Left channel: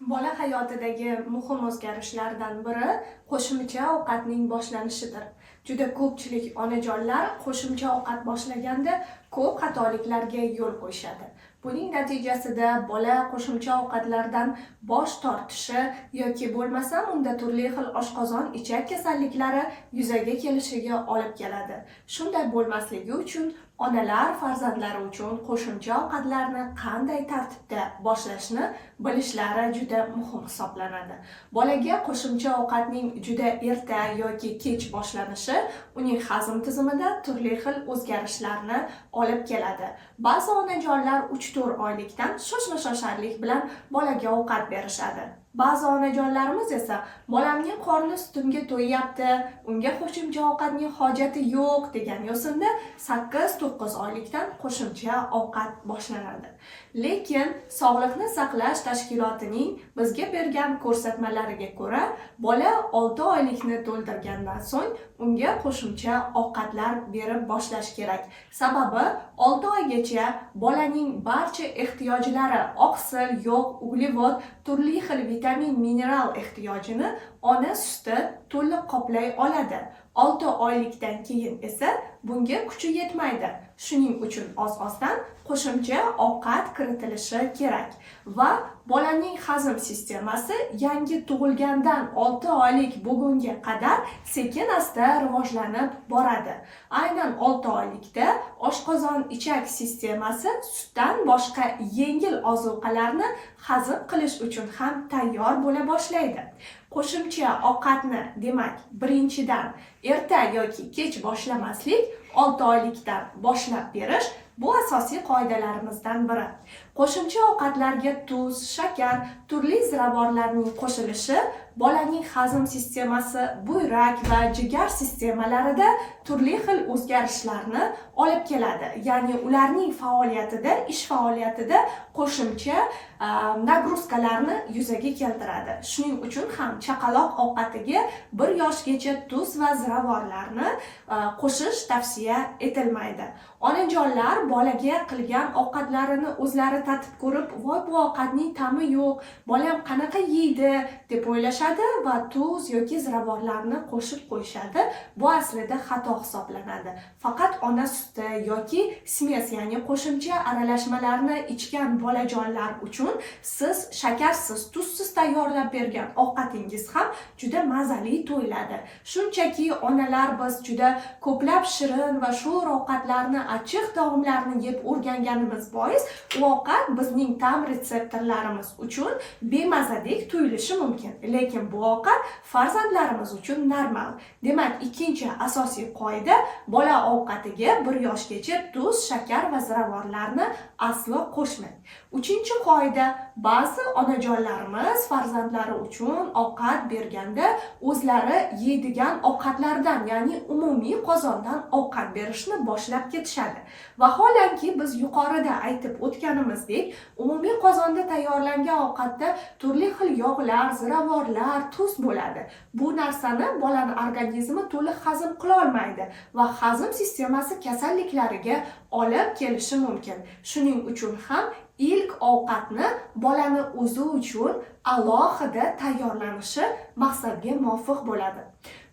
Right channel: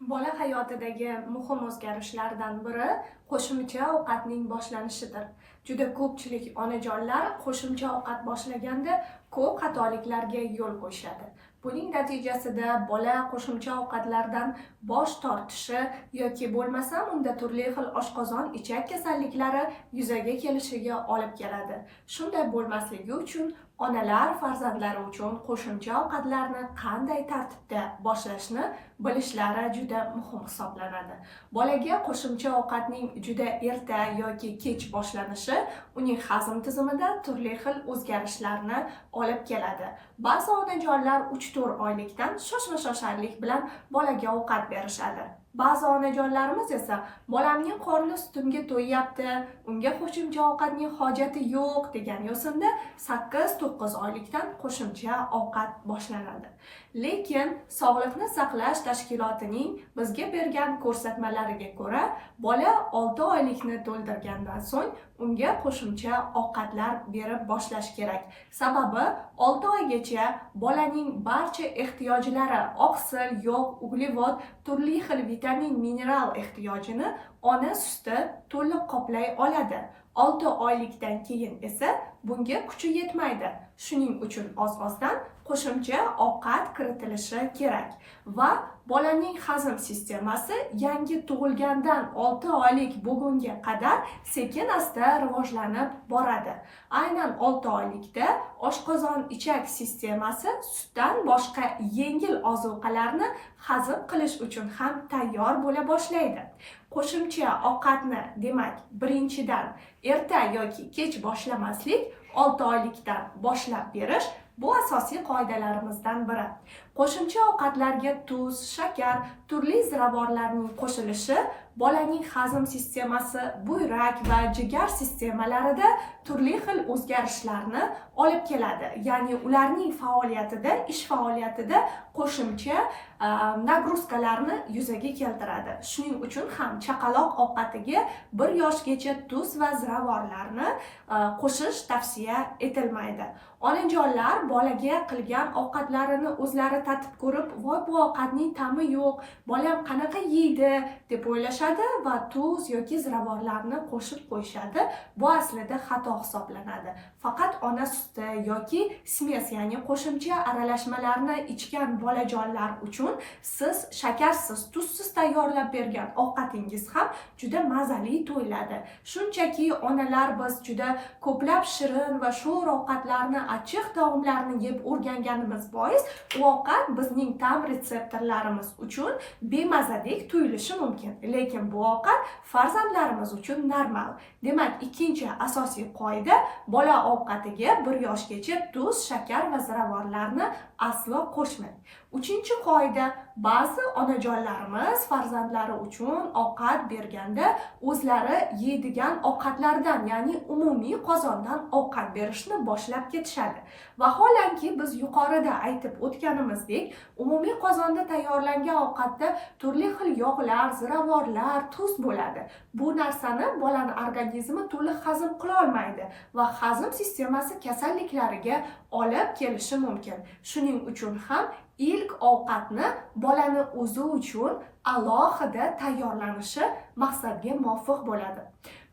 Bola hayotidagi muhim o'zgarishlardan biri qo'shimcha ovqatning boshlanishidir. Juda ko'pchilik onajonlar qo'shimcha ovqat boshlaganda ko'p xatoliklarga yo'l qo'yishadi. Buning natijasida bola qo'shimcha ovqatlardan bosh tortishi yoki bo'lmasam unda turli xil oshqozon ichak kasalliklari yuzaga kelishiga olib keladi. Shunday bo'lmasligi uchun onalar farzandlari uchun qo'shimcha ovqatlarni qanday tartibda boshlashni bilishlari juda muhim hisoblanadi. Bolaga qo'shimcha ovqatning juda erta yoki kech boshlanishi uning hazm tizimida turli xil o'zgarishlarni olib keladi. Ba'zi onajonlar 3-4 oylikdan shoshma-shosharlik bilan bolaga ovqat berishadi. Ba'zi onajonlarimiz esa bolamning qorni sutimga to'yyapti, unga qo'shimcha ovqatning hojati yo'q degan yo'sinda 8-9 oylikdan qo'shimcha ovqat boshlanadi. Lekin Sog'liqni saqlash tashkilotining bizga bergan ko'rsatmalariga ko'ra, bola 6 oylikni to'ldirgandan so'ng unga qo'shimcha ovqatlar berib boshlash kerak. Sababi 6 oygacha bolaning barcha ehtiyojlari oqsil, yog', uglevod, turli xil vitamin, mineral ehtiyojini ona suti to'liq qoplay oladi. 6 oylikdan keyin esa bunga kuchi yetmaydi. Shuning uchun oz-ozdan qo'shimcha ovqat kiritilishi kerak va bolaning hazm sistemasi yangi tug'ilgandan 6 oylik bo'lgunga qadar sekin-asta rivojlanib boradi. Aynan 6 oylikda oshqozon ichak sistemasi sutdan boshqa yengil ozuqalarni hazm qilish uchun ham tayyor bo'la boshlaydi. Qo'shimcha ovqatni, demak, birinchidan erta yoki kech boshlamaslik, 6 oylikdan boshlab berish bu asosiy qoidalarimizdan biri. Qo'shimcha ovqatlarga tuz, shakar, turli ziravorlarning qo'shilishi bolaning hazm sistemasi, buyrak va jigar sistemalarida turli xil o'zgarishlarni olib keladi. Ya'ni ularning faoliyatida, ish faoliyatida qo'shimcha nagruzkalarni yuzaga keltiradi. Shuning uchun ham chaqaloq ovqatiga 1 yoshgacha tuz va ziravorlarni qo'shish tavsiya etilmaydi. Onajonlar bolaga qilgan ovqatlarini o'zlari tatib ko'rib, voy bu ovqatning ta'mi yo'q, bolam qanaqa yeydi deb o'ylashadi va tuz yoki ziravorlarni qo'shib qo'yishadi. Bu aslida xato hisoblanadi. Faqat ona suti yoki smes, ya'ni qo'shimcha aralashmalarni ichgan bolajonlar uchun siz shakarsiz, tuzsiz tayyorlab bergan ovqatingiz ham juda mazali tuyuladi. Shunchaki onalar biz juda ko'plab shirin va sho'r ovqatlarni, achchiq taomlarni yeb o'rganganimiz bois u ovqat bizning ta'm retseptorlarimiz uchun bemazadek tuyulishi mumkin. Lekin bu ovqat farzandlarimiz uchun normal. Demak, ikkinchi asosiy qoida bola ovqatiga 1 yoshgacha tuz, shakar va ziravorlarni aslo qo'shmang. Uchinchi qoida, ba'zi onajonlarimiz farzandlari uchun ovqat berganda o'zlari yeydigan ovqatlardan, ya'ni umumiy qozondan ovqat berishni boshlab ketishadi. Vaholanki biz yuqorida aytib o'tganimizdek, umumiy qozonda tayyorlangan ovqatda turli xil yog'lar, ziravorlar, tuz bo'ladi. Bu narsani bolaning organizmi to'liq hazm qila olmaydi va hazm sistemasi kasalliklariga olib kelishi mumkin. Shuning uchun ham ilk ovqatni bolani o'zi uchun alohida tayyorlanishi maqsadga muvofiq bo'ladi.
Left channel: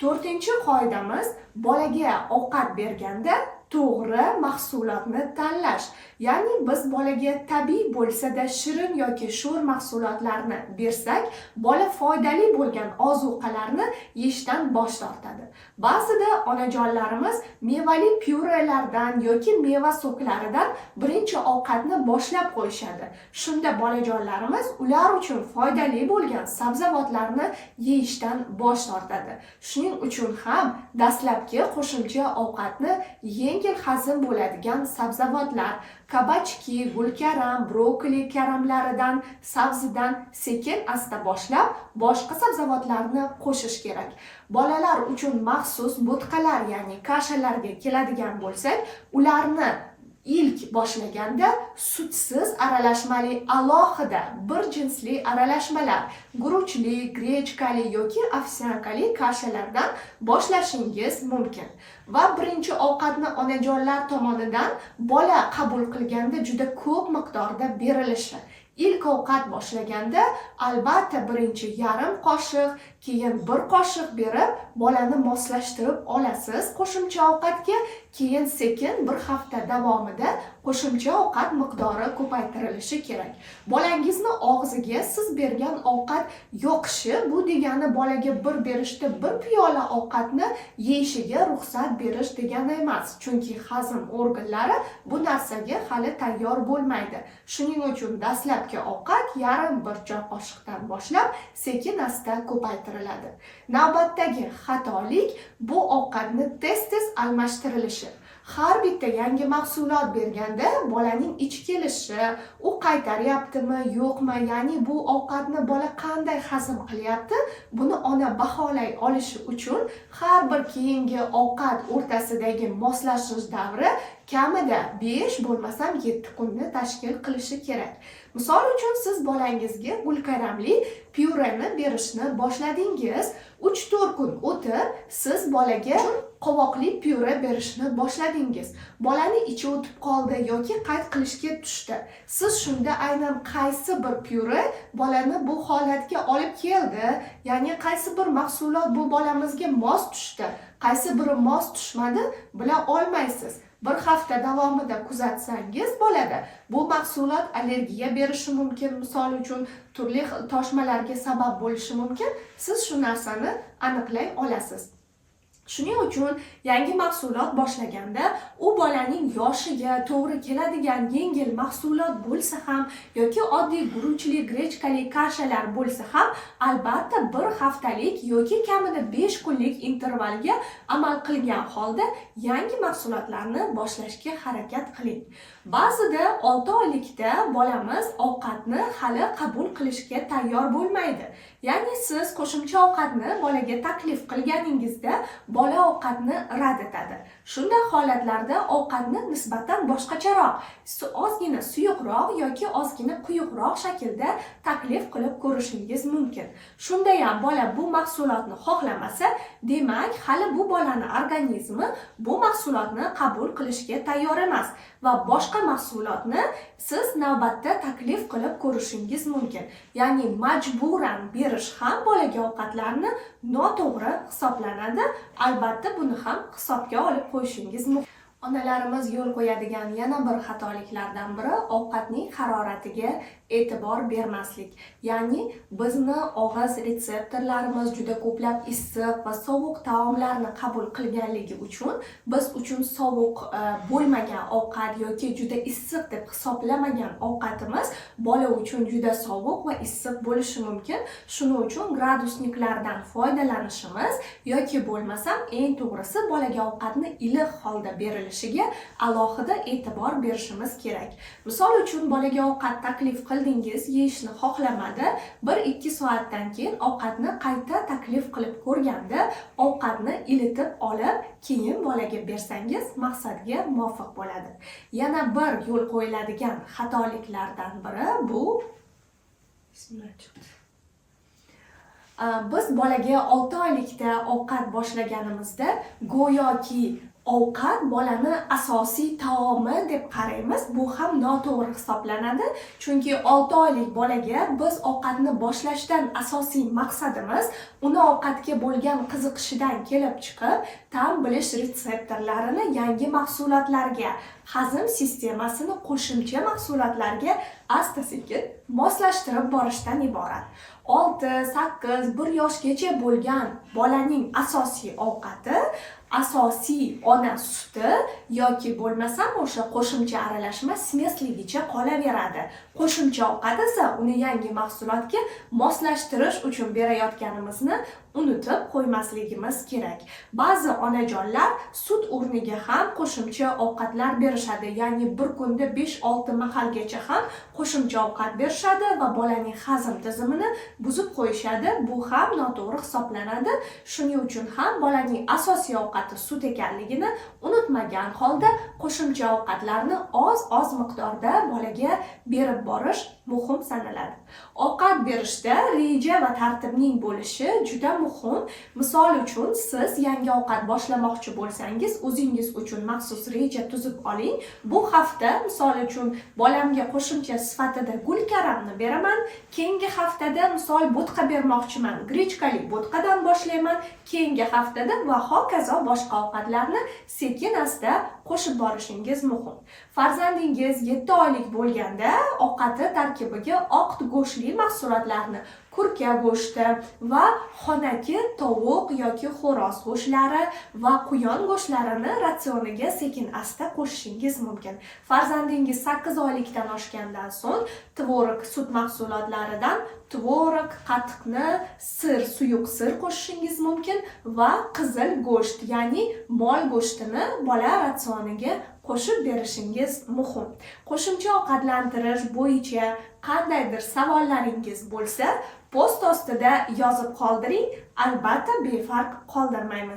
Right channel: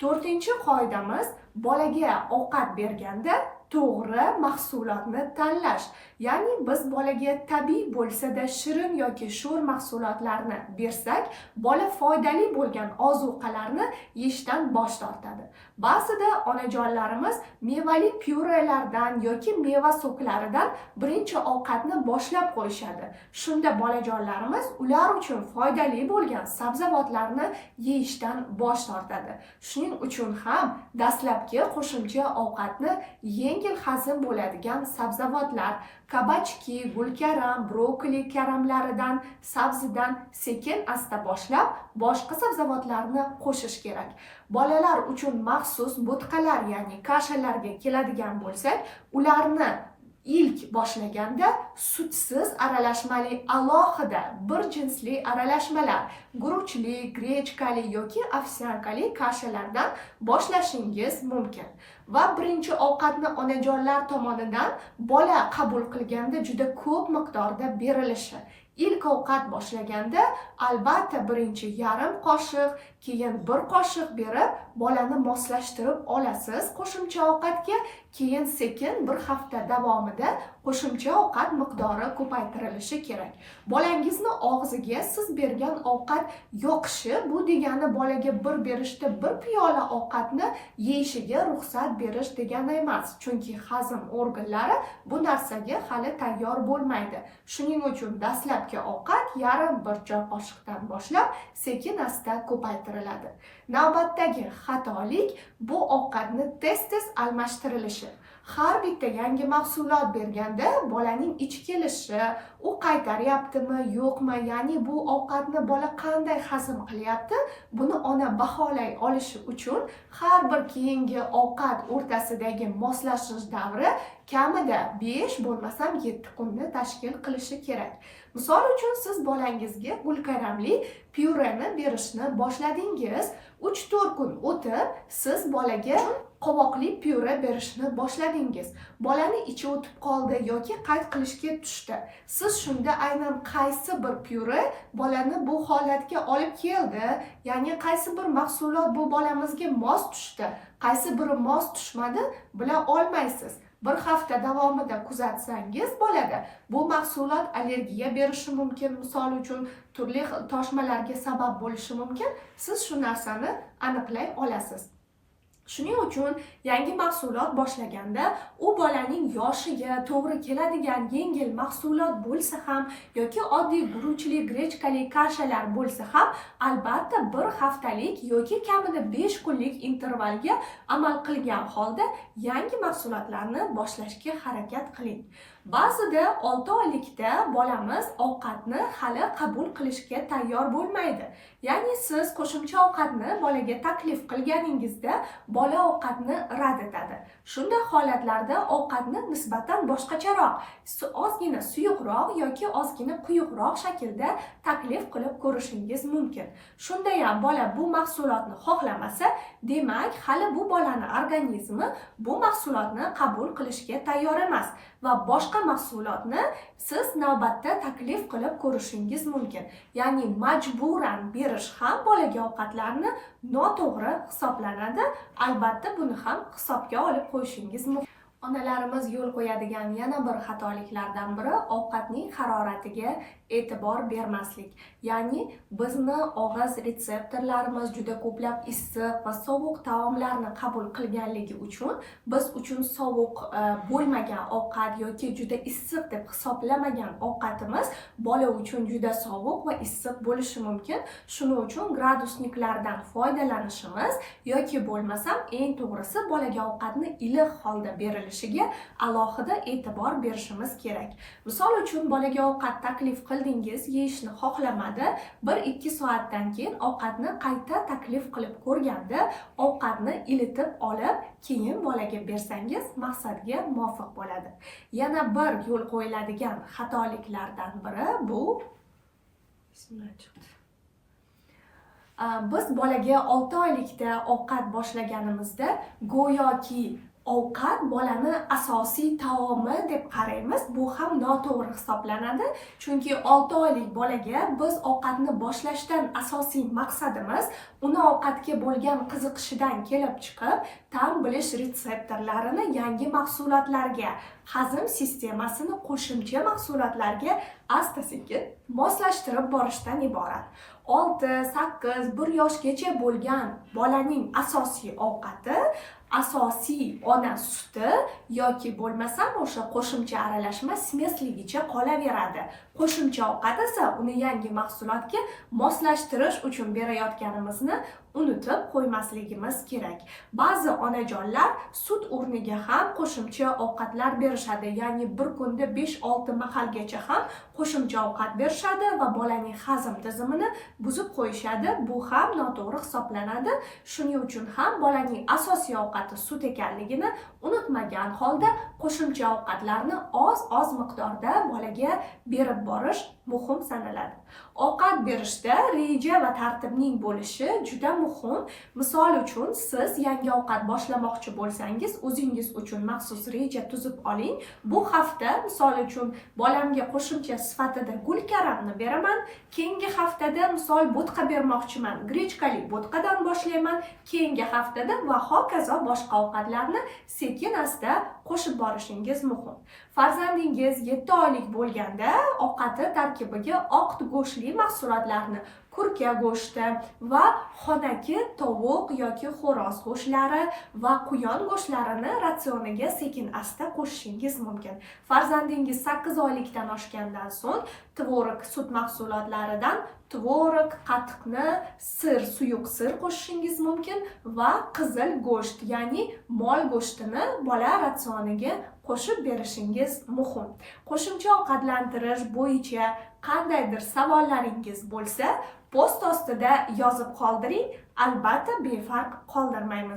4-qoidamiz, bolaga ovqat berganda to'g'ri mahsulotni tanlash. Ya'ni biz bolaga tabiiy bo'lsa-da shirin yoki sho'r mahsulotlarni bersak, bola foydali bo'lgan ozuqalarni yeyishdan bosh tortadi. Ba'zida onajonlarimiz mevali pyurelardan yoki meva so'klaridan birinchi ovqatni boshlab qo'yishadi. Shunda bolajonlarimiz ular uchun foydali bo'lgan sabzavotlarni yeyishdan bosh tortadi. Shuning uchun ham dastlabki qo'shimcha ovqatni yengil hazm bo'ladigan sabzavotlar, kabachki, gulkaram, brokoli karamlaridan, sabzidan sekin-asta boshlab, boshqa sabzavotlarni qo'shish kerak. Bolalar uchun maxsus bo'tqalar, ya'ni kashalarga keladigan bo'lsak, ularni ilk boshlaganda sutsiz aralashmali alohida bir jinsli aralashmalar, guruchli, grechkali yoki ovsyankali kashalardan boshlashingiz mumkin. Va birinchi ovqatni onajonlar tomonidan bola qabul qilganda juda ko'p miqdorda berilishi, ilk ovqat boshlaganda albatta birinchi yarim qoshiq, keyin 1 qoshiq berib bolani moslashtirib olasiz qo'shimcha ovqatga, keyin sekin bir hafta davomida qo'shimcha ovqat miqdori ko'paytirilishi kerak. Bolangizni og'ziga siz bergan ovqat yoqishi bu degani bolaga bir berishda 1 piyola ovqatni yeyishiga ruxsat berish degani emas, chunki hazm organlari bu narsaga hali tayyor bo'lmaydi. Shuning uchun dastlabki ovqat yarim 1 choy qoshiqdan boshlab sekin-asta ko'paytiriladi. Navbatdagi xatolik bu ovqatni tez-tez almashtirilishi. Har bitta yangi mahsulot berganda bolaning ichi kelishi, u qaytaryaptimi, yo'qmi, ya'ni bu ovqatni bola qanday hazm qilyapti, buni ona baholay olishi uchun har bir keyingi ovqat o'rtasidagi moslashish davri kamida 5 bo'lmasam 7 kunni tashkil qilishi kerak. Misol uchun siz bolangizga gulkaramli pyureni berishni boshladingiz, 3-4 kun o'tib siz bolaga qovoqli pyure berishni boshladingiz. Bolani ichi o'tib qoldi yoki qayt qilishga tushdi. Siz shunda aynan qaysi bir pyure bolani bu holatga olib keldi, ya'ni qaysi bir mahsulot bu bolamizga mos tushdi, qaysi biri mos tushmadi bila olmaysiz. Bir hafta davomida kuzatsangiz bolada bu mahsulot allergiya berishi mumkin, misol uchun turli toshmalarga sabab bo'lishi mumkin. Siz shu narsani aniqlay olasiz. Shuning uchun yangi mahsulot boshlaganda u bolaning yoshiga to'g'ri keladigan yengil mahsulot bo'lsa ham yoki oddiy guruchli, grechkali kashalar bo'lsa ham albatta bir haftalik yoki kamida 5 kunlik intervalga amal qilgan holda yangi mahsulotlarni boshlashga harakat qiling. Ba'zida 6 oylikda bolamiz ovqatni hali qabul qilishga tayyor bo'lmaydi. Ya'ni siz qo'shimcha ovqatni bolaga taklif qilganingizda bola ovqatni rad etadi. Shunday holatlarda ovqatni nisbatan boshqacharoq, ozgina suyuqroq yoki ozgina quyuqroq shaklda taklif qilib ko'rishingiz mumkin. Shunda ham bola bu mahsulotni xohlamasa, demak hali bu bolani organizmi bu mahsulotni qabul qilishga tayyor emas va boshqa mahsulotni siz navbatda taklif qilib ko'rishingiz mumkin. Ya'ni majburan berish ham bolaga ovqatlarni noto'g'ri hisoblanadi. Albatta buni ham hisobga olib qo'yishingiz mumkin. Onalarimiz yo'l qo'yadigan yana bir xatoliklardan biri ovqatning haroratiga e'tibor bermaslik. Ya'ni bizni og'iz retseptorlarimiz juda ko'plab issiq va sovuq taomlarni qabul qilganligi uchun biz uchun sovuq bo'lmagan ovqat yoki juda issiq deb hisoblamagan ovqatimiz bola uchun juda sovuq va issiq bo'lishi mumkin. Shuning uchun gradusniklardan foydalanishimiz yoki bo'lmasam eng to'g'risi bolaga ovqatni iliq holda berilishiga alohida e'tibor berishimiz kerak. Misol uchun bolaga ovqat taklif qildingiz, yeyishni xohlamadi. 1-2 soatdan keyin ovqatni qayta taklif qilib ko'rganda ovqatni ilitib olib, keyin bolaga bersangiz maqsadga muvofiq bo'ladi. Yana bir yo'l qo'yiladigan xatoliklardan biri bu biz bolaga 6 oylikda ovqat boshlaganimizda go'yoki ovqat bolani asosiy taomi deb qaraymiz. Bu ham noto'g'ri hisoblanadi. Chunki 6 oylik bolaga biz ovqatni boshlashdan asosiy maqsadimiz uni ovqatga bo'lgan qiziqishidan kelib chiqib, ta'm bilish retseptorlarini yangi mahsulotlarga, hazm sistemasini qo'shimcha mahsulotlarga asta-sekin moslashtirib borishdan iborat. 6-8, 1 yoshgacha bo'lgan bolaning asosiy ovqati asosiy ona suti yoki bo'lmasam o'sha qo'shimcha aralashma smesligicha qolaveradi. Qo'shimcha ovqat esa uni yangi mahsulotga moslashtirish uchun berayotganimizni unutib qo'ymasligimiz kerak. Ba'zi onajonlar sut o'rniga ham qo'shimcha ovqatlar berishadi. Ya'ni bir kunda 5-6 mahalgacha ham qo'shimcha ovqat berishadi va bolaning hazm tizimini buzib qo'yishadi. Bu ham noto'g'ri hisoblanadi. Shuning uchun ham bolaning asosiy ovqati sut ekanligini unutmagan holda qo'shimcha ovqatlarni oz miqdorda bolaga berib borish muhim sanaladi. Ovqat berishda reja va tartibning bo'lishi juda muhim. Misol uchun, siz yangi ovqat boshlamoqchi bo'lsangiz, o'zingiz uchun maxsus reja tuzib oling. Bu hafta misol uchun bolamga qo'shimcha sifatida gulkaramni beraman. Keyingi haftada misol bo'tqa bermoqchiman. Grechkali bo'tqadan boshlayman. Keyingi haftada va hokazo boshqa ovqatlarni sekin-asta qo'shib borishingiz muhim. Farzandingiz 7 oylik bo'lganda ovqati tarkibiga oq go'shtli mahsulotlarni, kurka go'shti va xonaki tovuq yoki xo'roz go'shtlari va quyon go'shtlarini ratsioniga sekin-asta qo'shishingiz mumkin. Farzandingiz 8 oylikdan oshgandan so'ng tvorog sut mahsulotlaridan tvorog, qatiqni, suyuq sir qo'shishingiz mumkin va qizil go'sht, ya'ni mol go'shtini bola ratsioniga qo'shib berishingiz muhim. Qo'shimcha ovqatlantirish bo'yicha qandaydir savollaringiz bo'lsa, post ostida yozib qoldiring, albatta befarq qoldirmaymiz.